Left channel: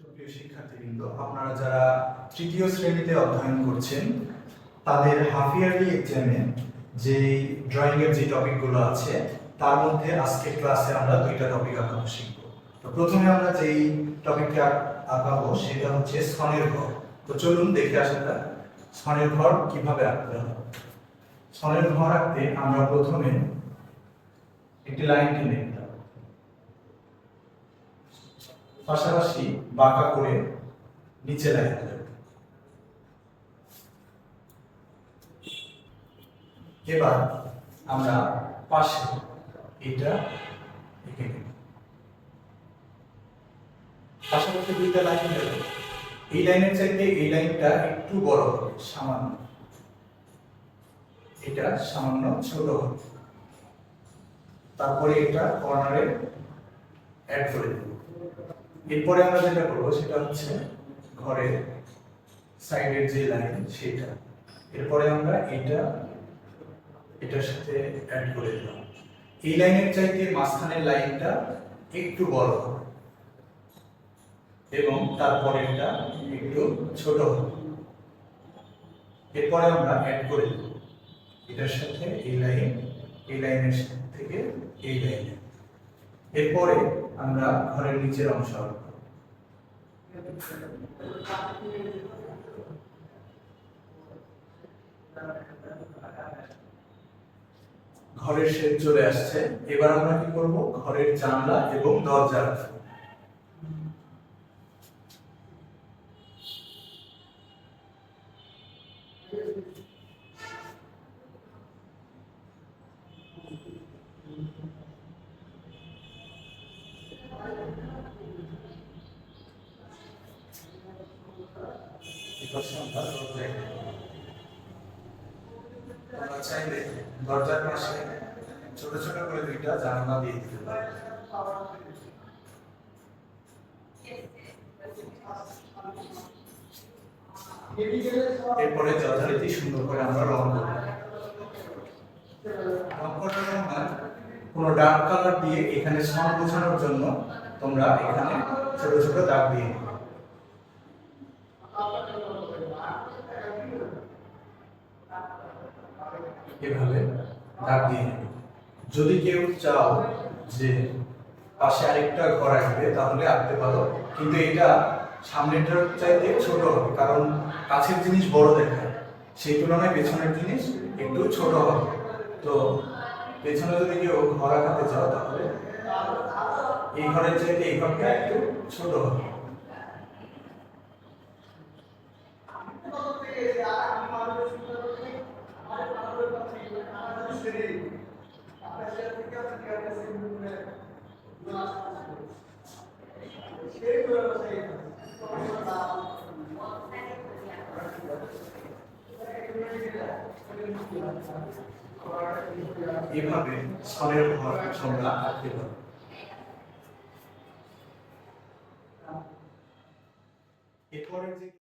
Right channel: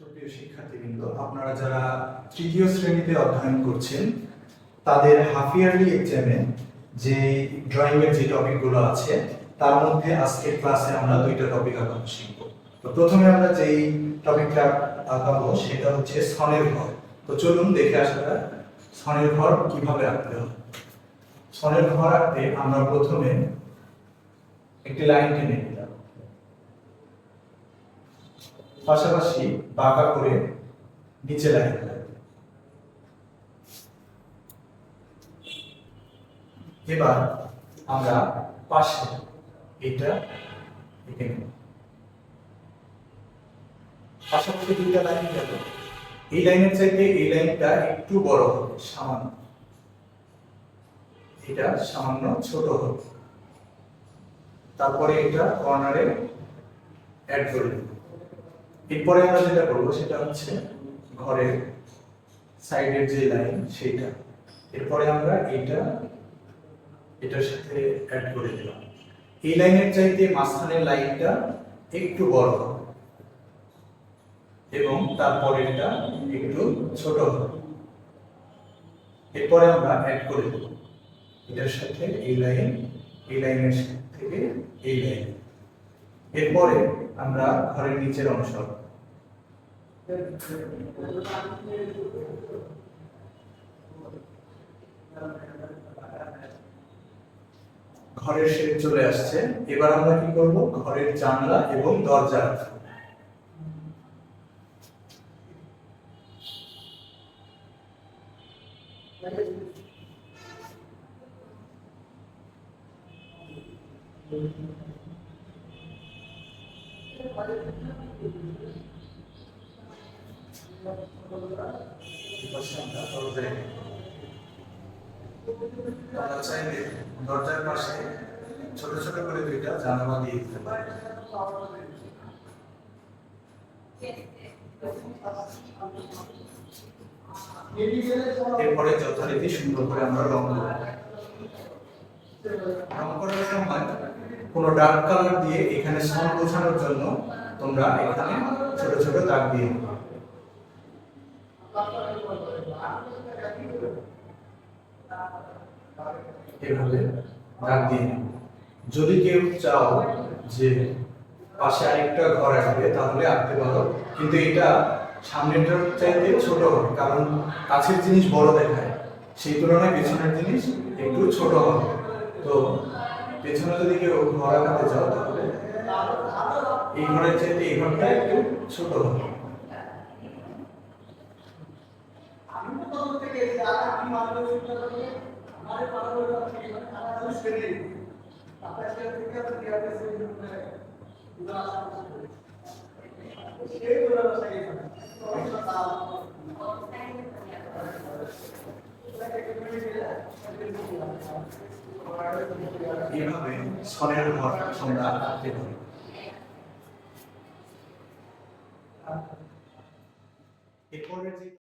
সুপ্রিয় শিক্ষার্থীবৃন্দ, আপনারা যারা তৃতীয় শ্রেণীতে অধ্যয়ন করছেন তাদের হাফ ইয়ারলি এক্সামে যে ড্রয়িং এর যে টপিকগুলো আছে তার মধ্যে আজকের ক্লাসে আমরা দুইটা টপিক আঁকানো শিখব। তো প্রথমে আমরা যেই টপিকটা আঁকাবো সেটা হচ্ছে সনের ঘর। তো চলুন দেখে আসা যাক সনের ঘর কিভাবে আঁকতে হয়। সনের ঘর আঁকতে আমরা প্রথমে একটি লাইন টেনে নিলাম, পাশাপাশি বাঁকা করে নিচে লাইন দিলাম। এবার আমরা পাশে এটা এঁকে নেব, পাশাপাশি দুইটা লাইন গেল। এই লাইনের চাইতে এই লাইনটা একটু বড় হবে, সামান্য, এটা সামান্য ছোট হবে। তারপরে এটা কর্নারে অ্যাড করে দেব। এরপরে আমরা যেটা করবো সেটা হচ্ছে ঘরের সাইডের যে লাইন সেটা, এরপরে আমরা এটার সাথে অ্যাড করে দিলাম। এই লাইনের চাইতে মাঝখানের লাইনটা একটু বড় হবে এবং তারপরে এটা একটু ছোট হবে। এরপরে আমরা অ্যাড করে দেব এটার সাথে এই লাইনের থেকে এই লাইন। এরপরে আমরা ঘরের নিচের অংশ ঘরের শেড চলে আসছে। এবার আমরা কি করব, ঘরের জানলা এবং দরজা আমরা চাইলে দরজার পাশে ছোট ছোট করে দুইটা জানালা দিয়ে দিতে পারি। এরপরে যথারীতি সুন্দর করে আমরা রং করব। রং করার সময় কোনো ডার্ক কালার দিয়ে এখানে সন বোঝানোর জন্য তোমরা এখানে ছোট ছোট দাগ দিয়ে দিবে। এভাবে দাগ দিয়ে নেবে। যদি কেউ চাও যে পাশে আরেকটা ঘর আসবে তাহলে আঁকতে পারো, কিন্তু এটা সামনেরটার চাইতে ছোট হবে, কারণ কাছের জিনিস বড় দেখায়, সেই তুলনায় পেছনের জিনিস একটু ছোট হবে। তো পেছনে যদি কেউ ঘর আঁকাতে চাও তাহলে এই ঘরের চাইতে এই ঘরটা একটু ছোট হবে। এভাবে সনের ঘর তোমরা আঁকতে পারো।